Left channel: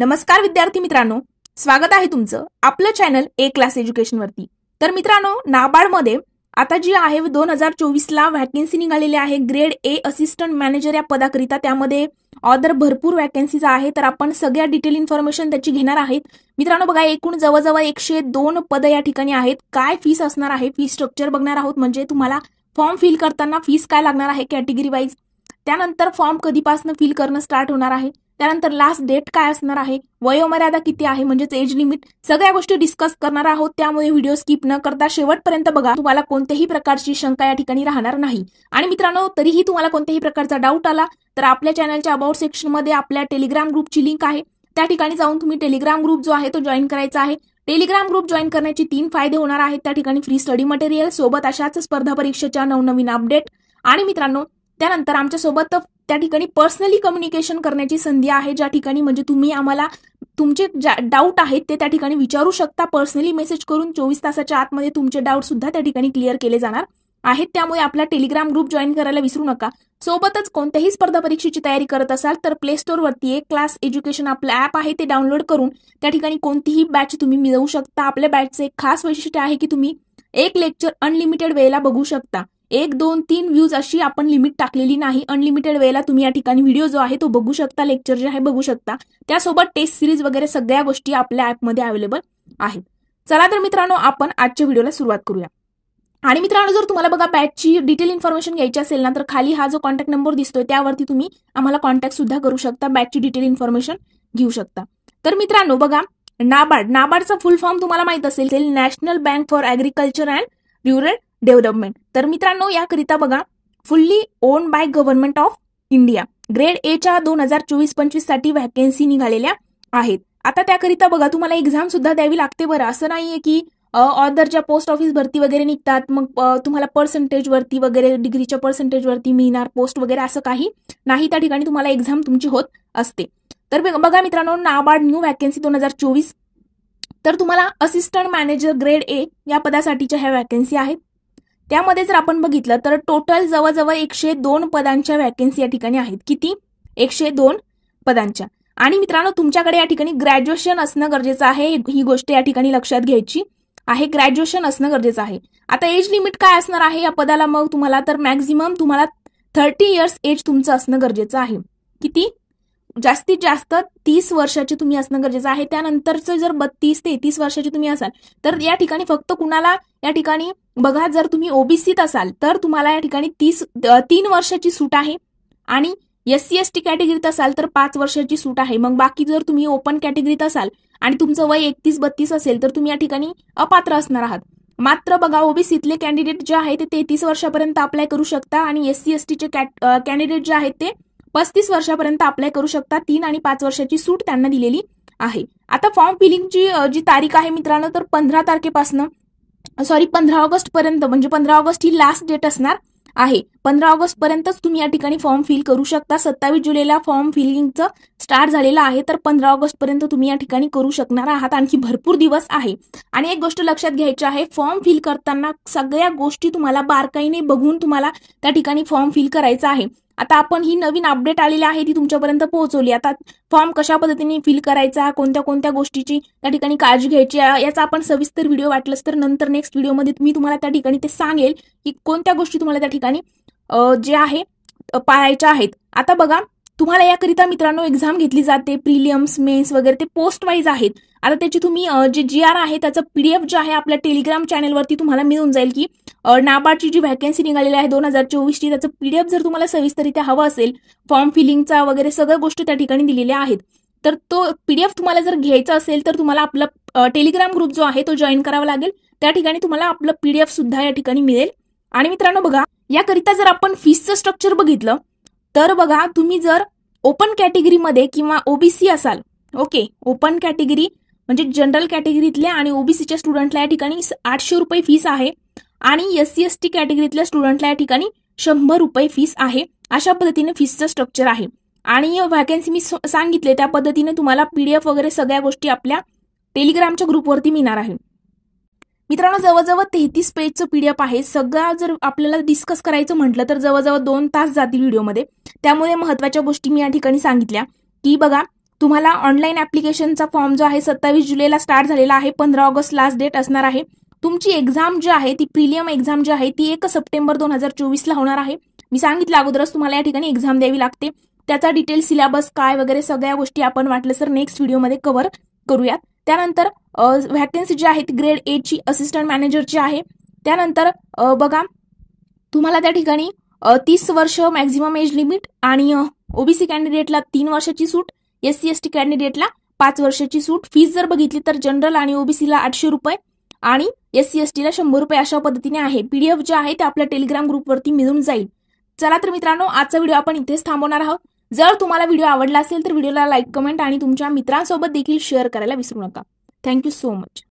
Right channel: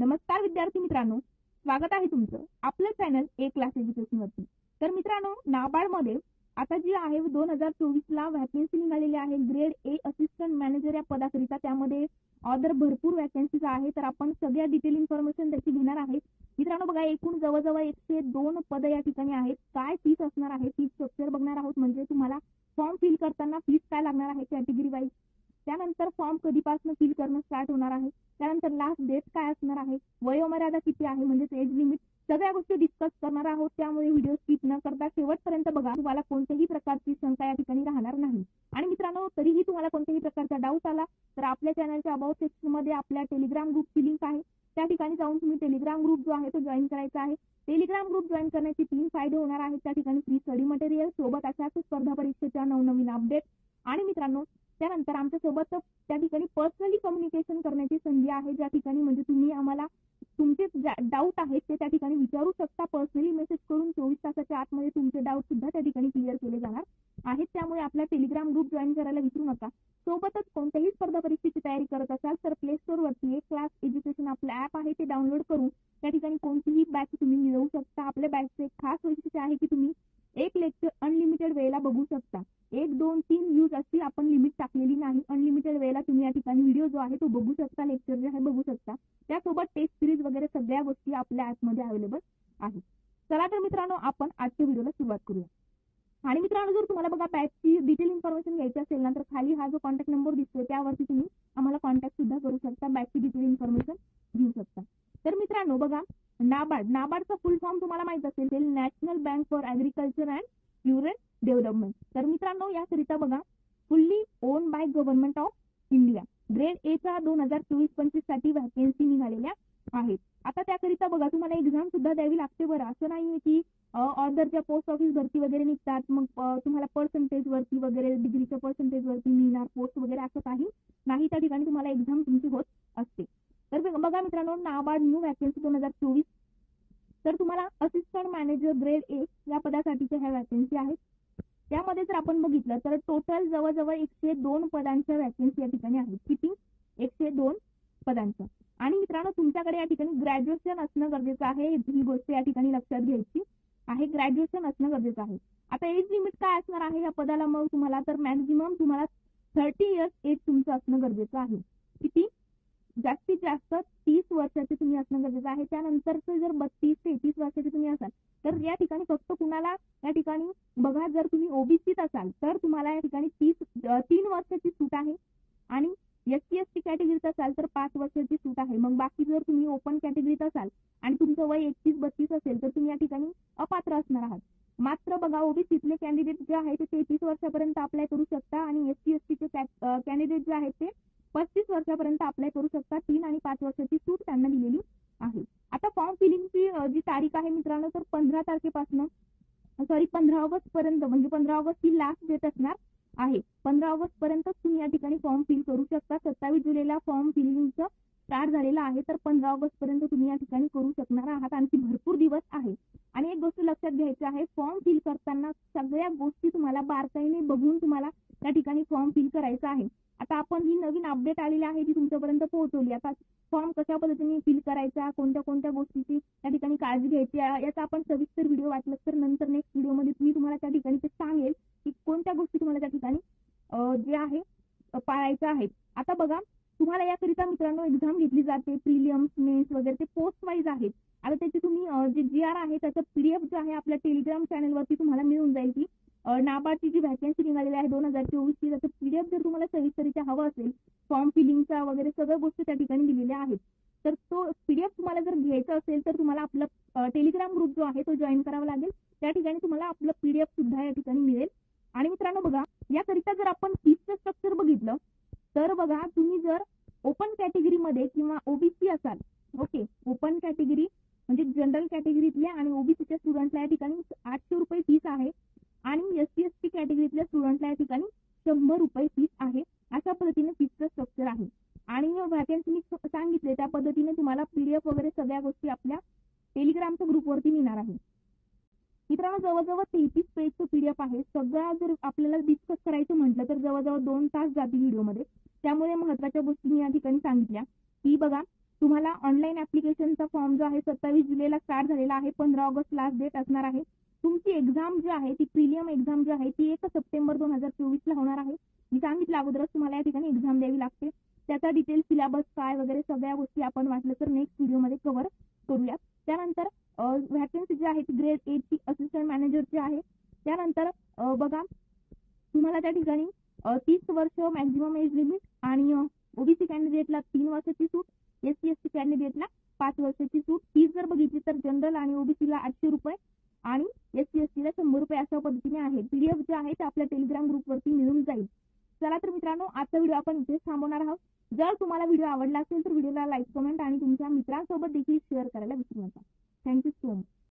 नमस्कार विद्यार्थी मित्रांनो, स्वागत आहे तुमचं आपलं चॅनल ए क्लास एज्युकेशन वरती। तर मित्रांनो, नाबार्डमध्ये आता जी आहे 2024 ला वॅकन्सी निघालेली आहे ग्रेड ए असिस्टंट मॅनेजर या पदाकरिता। त्यामध्ये ऑदर भरपूर वॅकन्सीज आहे, तर आपण सगळ्या डिटेल इन्फॉर्मेशन त्याची घेणार आहेत। मित्रांनो बघा, एकूण जवळजवळ 102 पद या ठिकाणी आहेत। काय फीस असणार आहे, फी स्ट्रक्चर बघणार आहोत, म्हणजे तुम्हाला फॉर्म फिल करताना फीस काय लागणार आहे कॅटेगरी वाईज, त्यानंतर फॉर्म कधीपासून फिल करणं स्टार्ट होणार आहे, त्यानंतर लास्ट डेट काय असणार आहे, वयोमर्यादा किती आहे म्हणजेच एज लिमिट, सगळ्या गोष्टी डिस्कस करणार आहोत। त्यामुळे व्हिडिओ स्किप न करता शेवटपर्यंत बघा, तुम्हाला कोणत्याही प्रकारची शंका या ठिकाणी राहणार नाही। आणि मित्रांनो, तरीही तुम्हाला कोणत्याही प्रकारचा डाऊट आला तर आपल्या चॅनलच्या अबाउट सेक्शन मध्ये आपल्या टेलिग्राम ग्रुपची लिंक आहे, त्या ठिकाणी जाऊन तुम्ही टेलिग्राम ग्रुप जो आहे तो जॉईन करायचा आहे। टेलिग्राम ग्रुप जॉईन करण्याचे 3 फायदे होणार आहेत, त्या ठिकाणी फ्री स्टडी मटेरियल सोबत अशाच स्पर्धा परीक्षेच्या नवनवीन अपडेट, आणि मित्रांनो त्यानंतर आमच्या सोबत त्या ठिकाणी पर्सनली कम्युनिकेशन करण्याची संधी आहे, ज्या ठिकाणी म्हणजे तुम्ही आम्हाला तुमचे डाऊट आहेत ते त्या ठिकाणी विचारू शकता पर्सनली मेसेज करून। 24 तासाच्या आतमध्ये तुमचे डाऊट सुद्धा त्या ठिकाणी क्लिअर केले जाणार आहेत। त्यामुळे आपला टेलिग्राम ग्रुप जॉईन करायला विसरू नका। सोबतच कोणत्याही स्पर्धा परीक्षेची तयारी करत असाल तर प्ले स्टोर वरती एक क्लास एज्युकेशन आपलं ऍप आहे, ते डाउनलोड करून त्या ठिकाणी कोणतीही बॅच तुम्ही मिळवू शकता। आपल्या बॅचचे एक खास वैशिष्ट्य आहे की तुम्ही एक लेक्चर अनलिमिटेड वेळेला बघू शकता। 1, 2, 3 व्ह्यूज अशी आपण लिमिट टाकलेली नाही, अनलिमिटेड वेळेला तुम्ही या ठिकाणी व्हिडिओ जो आहे तो बघू शकता, लेक्चर जे आहे बघू शकता। त्यासोबत टेस्ट सिरीज वगैरे सगळ्या गोष्टी आपल्या ऍपमध्ये अवेलेबल आहेत। चला तर मित्रांनो, आपण आजच्या व्हिडिओला सुरुवात करूया। आणि मित्रांनो, जर तुम्हाला बघा बॅचची डिटेल इन्फॉर्मेशन घ्यायची असेल ना, तर खाली हा जो कॉन्टॅक्ट नंबर दिसतोय त्यावरती तुम्ही आम्हाला कॉन्टॅक्ट सुद्धा करू शकता, बॅचची डिटेल इन्फॉर्मेशन घेऊ शकता। तर मित्रांनो बघा, नाबार्डचा फुल फॉर्म तुम्हाला माहित असेल, national bank for agriculture and rural development. तर मित्रांनो, याकरिता बघा fully own by government of India grade A च्या 2024-25 साठी व्हॅकन्सी निघालेल्या आहेत। आता त्याकरिता बघा तुम्हाला एक्झाम सुद्धा द्यावी लागते बरं, असं नाहीये की ऑदरच्या पोस्ट ऑफिस भरती वगैरे निघतात, मग तुम्हाला पर्सेंटेज वरती वगैरे डिग्रीच्या पर्सेंटेज वरती मिळणार पोस्ट वगैरे, असं काही नाही। त्या ठिकाणी तुम्हाला एक्झाम तुमची होत असते। तर बघा मित्रांनो, नाबार्ड न्यू व्हॅकन्सी 2024, तर तुम्हाला असिस्टंट मॅनेजर ग्रेड ए या पदासाठीच्या ह्या व्हॅकन्सी आहेत। त्यामध्ये जर आपण बघितलं तर टोटल जवळजवळ 102 पदांच्या व्हॅकन्सी या ठिकाणी आहेत। किती? 102 पदांच्या। आणि मित्रांनो, तुमच्याकडे या ठिकाणी ग्रॅज्युएशन असणं गरजेचं आहे, ही गोष्ट या ठिकाणी लक्षात घ्यायची आहे, ग्रॅज्युएशन असणं गरजेचं आहे। आता एज लिमिट काय असणार आहे या पदाला, मग तुम्हाला तर मॅक्झिमम तुम्हाला 30 इयर्स एज तुमचं असणं गरजेचं आहे। किती? जास्तीत जास्त 30 वर्षाचे तुम्ही असणं गरजेचं आहे। त्यानंतरचं जर 32-33 वर्षाचे तुम्ही असाल तर या ठिकाणी फक्त कुणाला या ठिकाणी बघा, जर तुम्ही ओबीसीत असाल तर तुम्हाला या ठिकाणी 3 वर्षाची सूट आहे, आणि SC/ST कॅटेगरीत असाल तर 5 वर्षाची सूट आहे। मग बाकी जर तुम्ही ओपन कॅटेगरीत असाल आणि तुमचं वय 31-32 असेल तर तुम्ही या ठिकाणी अपात्र असणार आहात। मात्र बघा, ओबीसीतले कॅन्डिडेट जे आहे ते 33 वर्षापर्यंत अप्लाय करू शकता, आणि SC/ST चे कॅन्डिडेट जे आहेत ते 35 वर्षापर्यंत अप्लाय करू शकता। 3 आणि 5 वर्षाची सूट त्यांना दिलेली आहे। आता फॉर्म फिलिंगची जी तारीख आहे मित्रांनो, तर 15 ऑगस्ट पर्यंत, म्हणजे 15 ऑगस्ट ही लास्ट डेट असणार आहे। 15 ऑगस्ट पर्यंतच तुम्ही या ठिकाणी फॉर्म फिल करू शकता। 27 जुलैला फॉर्म फिलिंगचं स्टार्ट झालेलं आहे, तर 15 ऑगस्ट पर्यंत तुम्ही या ठिकाणी करू शकणार आहात, आणखी भरपूर दिवस आहे। आणि एक गोष्ट लक्षात घ्यायची आहे, फॉर्म फिल करताना सगळ्या गोष्टी तुम्हाला बारकाईने बघून तुम्हाला त्या ठिकाणी फॉर्म फिल करायचा आहे। आता आपण ही नवीन अपडेट आलेली आहे ती तुमच्यापर्यंत पोहोचवली। आता फॉर्म कशा पद्धतीने फिल करायचा, कोणत्या कोणत्या गोष्टीची त्या ठिकाणी काळजी घ्यायची, याचा आपण सविस्तर व्हिडिओ वाटलंच तर नंतर नेक्स्ट व्हिडिओमध्ये मी तुम्हाला त्या ठिकाणी ते सांगेल की कोणत्या गोष्टी तुम्हाला त्या ठिकाणी जे आहे पाळायच्या आहेत। आता बघा, तुम्हाला याकरिता मित्रांनो एक्झाम घेतली जाते, प्रिलियम्स, मेन्स वगैरे, ते पोस्ट वाईज आहेत। आता त्याची तुम्ही जे GR आहे त्याचं PDF जे आहे आपल्या टेलिग्राम चॅनलवरती तुम्हाला मिळून जाईल, की नाबार्डची जी व्हॅकन्सी निघालेली आहे 2024 ची, त्याचं PDF जर तुम्हाला सविस्तरित्या हवं असेल, फॉर्म फिलिंगचा वगैरे सगळ्या गोष्टी त्या ठिकाणी दिलेल्या आहेत, तर तो PDF तुम्हाला जर घ्यायचा असेल तर तुम्हाला आपला टेलिग्राम ग्रुप जो आहे तो जॉईन करावा लागेल। त्या ठिकाणी तुम्हाला आपलं PDF सुद्धा या ठिकाणी मिळेल। आणि मित्रांनो बघा, याकरिता जर आपण फीसचं स्ट्रक्चर बघितलं तर बघा, तुम्ही जर ओपन कॅटेगरीमध्ये किंवा ओबीसी असाल, ओके, ओपन कॅटेगरी म्हणजे जनरल कॅटेगरीतल्या आणि ओबीसीच्या स्टुडंटला या ठिकाणी 800 रुपये फीस आहे, आणि SC/ST कॅटेगरीतल्या स्टुडंटला या ठिकाणी 100 रुपये फीस आहे। अशा पद्धतीने फीसचं स्ट्रक्चर आहे। आणि व्हॅकन्सी मी सांगितले त्या पद्धतीने तुम्हाला PDF वगैरे सगळ्या गोष्टी आपल्या टेलिग्रामच्या ग्रुपवरती मिळणार आहे। मित्रांनो, जवळजवळ 33 पेजचं PDF आहे। सगळं जर आपल्याला डिस्कस करायचं म्हटलं तर जवळजवळ 2 तास जातील व्हिडिओमध्ये। त्यामुळे महत्त्वाच्या गोष्टी मी या ठिकाणी सांगितल्या, की बघा तुम्हाला ऑनलाईन ऍप्लिकेशनचा फॉर्म जो आहे 27 जुलैला स्टार्ट झालेला आहे. 15 ऑगस्ट लास्ट डेट असणार आहे. तुमची एक्झाम जी आहे ती प्रिलियम एक्झाम जी आहे ती 1 सप्टेंबर 2024ला होणार आहे. मी सांगितलं अगोदरच तुम्हाला या ठिकाणी एक्झाम द्यावी लागते. त्याचा डिटेल सिलेबस काय वगैरे सगळ्या गोष्टी आपण वाटलं तर नेक्स्ट व्हिडिओमध्ये कव्हर करूयात. त्यानंतर व्हॅकन्सी जी आहे ती ग्रेड ए ची असिस्टंट मॅनेजरची आहे. त्यानंतर बघा तुम्हाला त्या ठिकाणी 30 वर्ष मॅक्झिमम एज लिमिट आणि ओबीसी कॅन्डिडेटला 3 वर्षाची सूट, एससी एसटी कॅन्डिडेटला 5 वर्षाची सूट. फीस जर बघितली तर जनरल आणि ओबीसीला 800 रुपये आणि एससी एसटीला 100 रुपये अशा पद्धतीने आहे. पीडीएफ जे आहे ते आपल्या टेलिग्राम ग्रुपवरती मिळून जाईल. चला तर मित्रांनो, आजचा व्हिडिओ आपण इथेच थांबवणार आहोत. जर तुम्हाला व्हिडिओ आवडला असेल तर व्हिडिओला लाईक, कमेंट आणि तुमच्या मित्रांसोबत देखील शेअर करायला विसरू नका. Thank you so much.